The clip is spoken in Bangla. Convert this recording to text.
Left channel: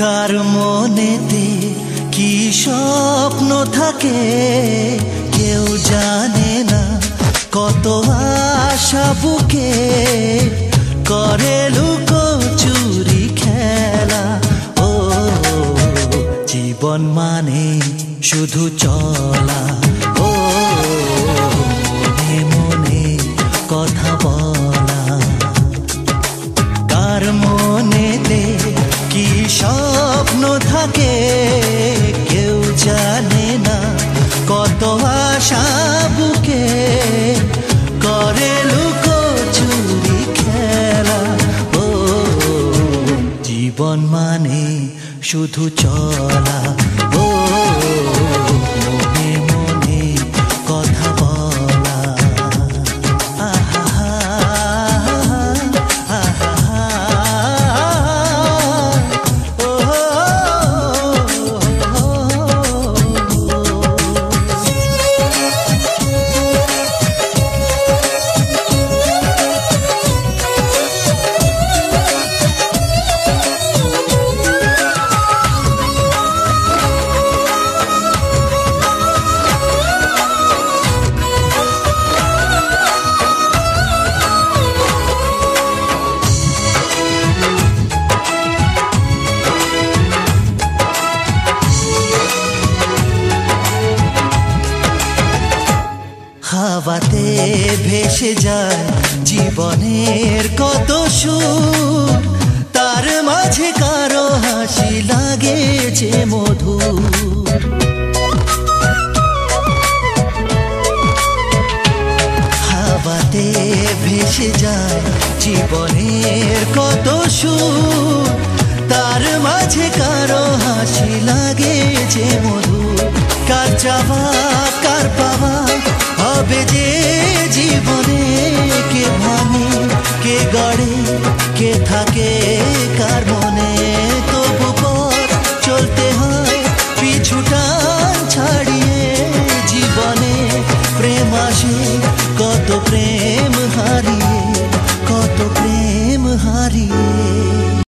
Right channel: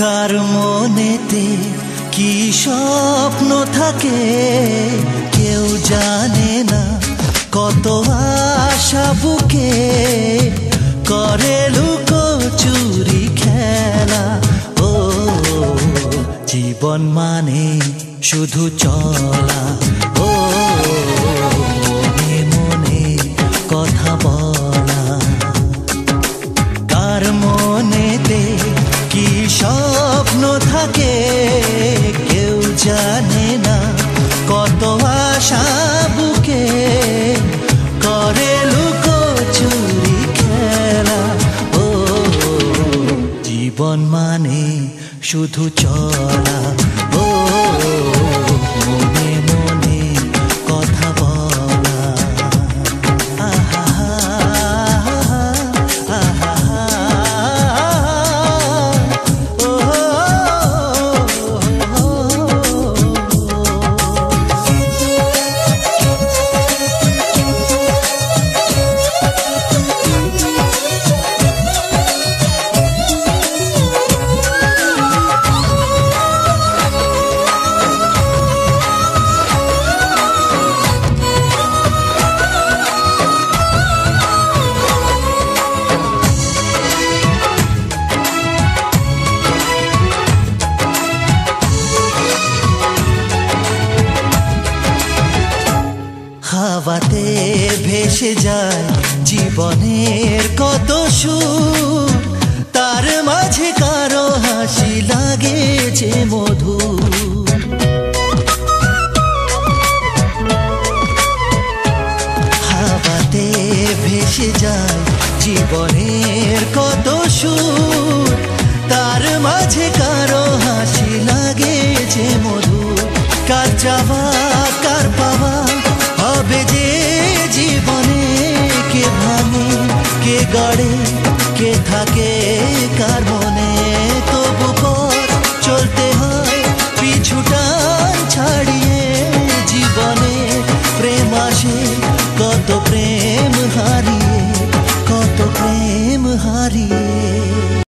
কার মনেতে কি স্বপ্ন থাকে কেউ জানে না, কত আশা বুকে করে লুকোচুরি খেলা। ও জীবন মানে শুধু চলা, ও মনে মনে কথা বলা। কার মনেতে কি স্বপ্ন থাকে কেউ জানে না, কত আশা বুকে করে লুকোচুরি খেলা। ও জীবন মানে শুধু চলা, ও মনে মনে কথা বলা। আহা আহা হাওয়াতে ভেসে যায় জীবনের কত সুর, তার মাঝে কারো হাসি লাগে যে মধুর। হাওয়াতে ভেসে যায় জীবনের কত সুর, তার মাঝে কারো হাসি লাগে যে মধুর। কার চাওয়া কার পাওয়া হবে যে জীবনে, কে ভাঙে কে গড়ে কে থাকে কার মনে। তবু পথ চলতে হয় পিছুটান ছাড়িয়ে, জীবনে প্রেম আসে কত প্রেম হারিয়ে, কত প্রেম হারিয়ে।